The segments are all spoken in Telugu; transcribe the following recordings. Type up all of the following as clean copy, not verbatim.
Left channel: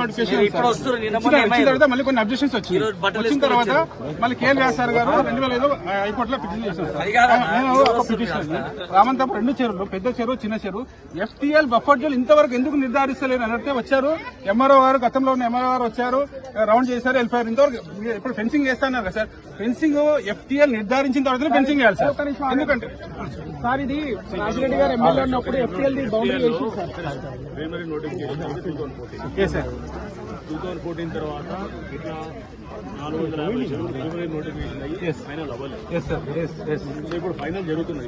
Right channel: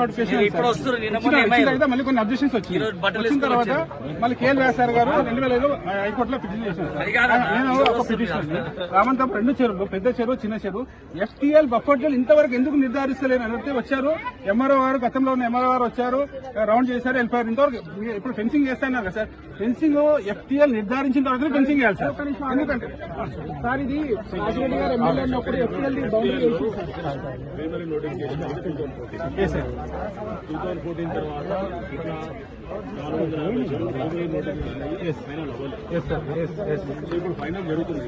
నోటిఫికేషన్ వచ్చిన తర్వాత మళ్ళీ కొన్ని అబ్జెక్షన్స్ వచ్చిన తర్వాత మళ్ళీ కేఎల్ వ్యాసార్ గారు 2005 హైకోర్టులో పిటిషన్ చేశారు సార్. నేను ఒక పిటిషన్ రామంతపు 2 చెరువులు, పెద్ద చెరువు, చిన్న చెరువు, FTL బఫర్ జోన్ ఇంతవరకు ఎందుకు నిర్ధారిస్తలేరు అన్నట్టే వచ్చారు. ఎంఆర్ఓ గారు, గతంలో ఉన్న ఎంఆర్ఓ గారు వచ్చారు, రౌండ్ చేశారు, వెళ్ళిపోయారు. ఇంతవరకు ఇప్పుడు ఫెన్సింగ్ చేస్తున్నారు కదా సార్. ఫెన్సింగ్ FTL నిర్ధారించిన తర్వాత ఫెన్సింగ్ చేయాలి సార్. ఎందుకంటే సార్ ఇది రాజిరెడ్డి గారు ఎమ్మెల్యే ఉన్నప్పుడు FTL బౌండరీ వేసి ప్రైమరీ నోటిఫికేషన్ 2014 తర్వాత ఇట్లా 450 ప్రైమరీ నోటిఫికేషన్ అయ్యి ఫైనల్ అవ్వలేదు. సో ఇప్పుడు ఫైనల్ జరుగుతుంది.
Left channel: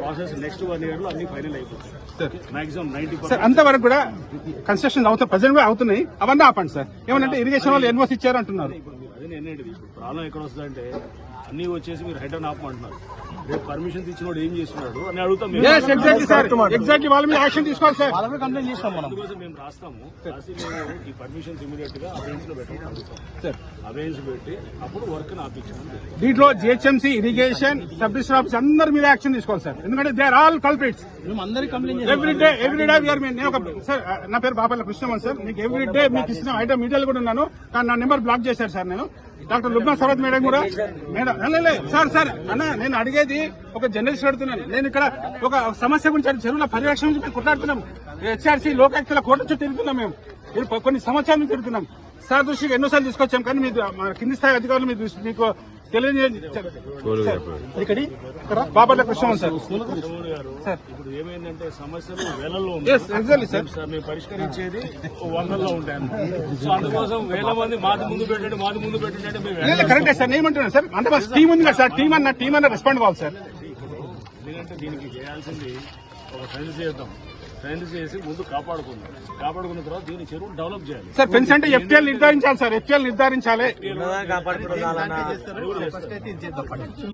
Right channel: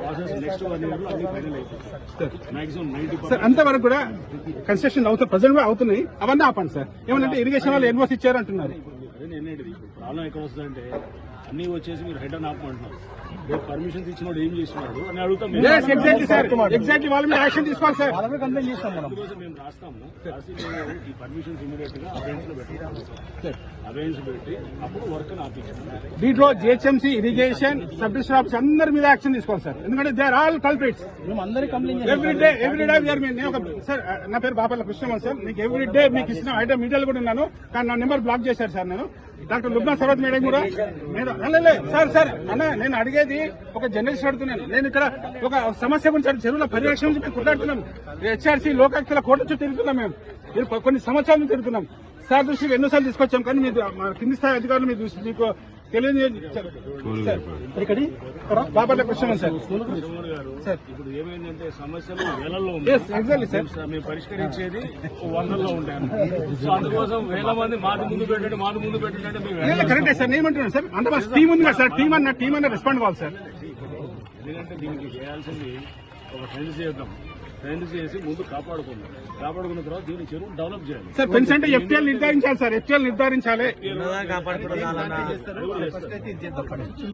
ప్రాసెస్ నెక్స్ట్ 1 year లో అన్ని ఫైనల్ అయిపోతుంది. మాక్సిమం 90% అంతవరకు కూడా కన్స్ట్రక్షన్ అవుతాయి, ప్రజెంట్ అవుతున్నాయి. అవన్నీ ఆపండి సార్. ఏమంటే ఇరిగేషన్ వాళ్ళు ఎన్ఓసి ఇచ్చారు అంటున్నారు. అదే నేనేంటిది ఇప్పుడు ప్రాబ్లం ఎక్కడ వస్తుందంటే అన్ని వచ్చేసి మీరు హైట్ అండ్ ఆపమంటున్నారు. పర్మిషన్ ఇచ్చినోడు ఏం చేస్తున్నాడు అని అడుగుతాం. ఎగ్జాక్ట్లీ వాళ్ళ మీద యాక్షన్ తీసుకోవాలి సార్. వాళ్ళని కంప్లైంట్ చేస్తాం మనం. మేము రాస్తాము, రాసి మేము ఈ పర్మిషన్స్ ఇమీడియట్ గా అబెన్స్ లో పెట్టాం. అబెన్స్ పెట్టి అప్పుడు వర్క్ ఆపించాం. దీంట్లో GHMC, irrigation, sub divisional office అందరి మీద యాక్షన్ తీసుకోవాలి సార్. ఎందుకంటే దే ఆర్ ఆల్ కల్ప్రిట్స్. మేము అందరి కంప్లైంట్ ఎవ్రీడే సార్. నా పేరు బాపట్ల కృష్ణ సార్. మీకు ఎవ్రీడే మీకు ఇచ్చిన ఐటమ్ మీడియాలో కూడా ఉన్నాను, కానీ నా నెంబర్ బ్లాక్ చేశారు సార్. నేను డాక్టర్ లుబ్నా సవత్ మేడం కూడా సార్ అన్న నేను అడిగేది ఒక జర్నలిస్ట్ అడుగుతున్నాను. నేను ఇక్కడ ఒక సమస్య గురించి చెరువుల పరిరక్షణ గురించి కొట్లాడుతున్నాం. HRC లోకాయుక్తల కోర్టు చుట్టూ తిరుగుతున్నాం. మేము కొన్ని సంవత్సరాల నుంచి తిరుగుతున్నాం సార్. దృష్టికి ఎన్నోసార్లు తీసుకొచ్చాం, కానీ మీరు కింది స్థాయి అధికారులు మీకు తెలియజేయాలి. బాపట్ల కృష్ణ సార్. ఇప్పుడు ఏమైందంటే సమస్యలు వేలల్లో ఎగ్జాక్ట్లీ సార్. మేము పరిష్కరించేది 100లో ఉంటాయి. సో అందుకోసం వేల మంది మాది ముందు పెట్టండి అంటే మేము కరెక్టే సార్. ఏమంటున్నాను సార్, అంటే టీం ఉంది కదా సార్. టీం అన్న రెస్పాండ్ కావాలి సార్. ఎందుకంటే దీనికి చేయాల్సింది ఒక ఫెన్స్ చేద్దాం. ఫెన్స్ చేసి ముందు కాపాడుకున్న తర్వాత దీని చెరువు డెవలప్ చేయాలి సార్. ఫెన్స్ అంటే FTL నిర్ధారించాలి సార్. FTL నిర్ధారించాలి.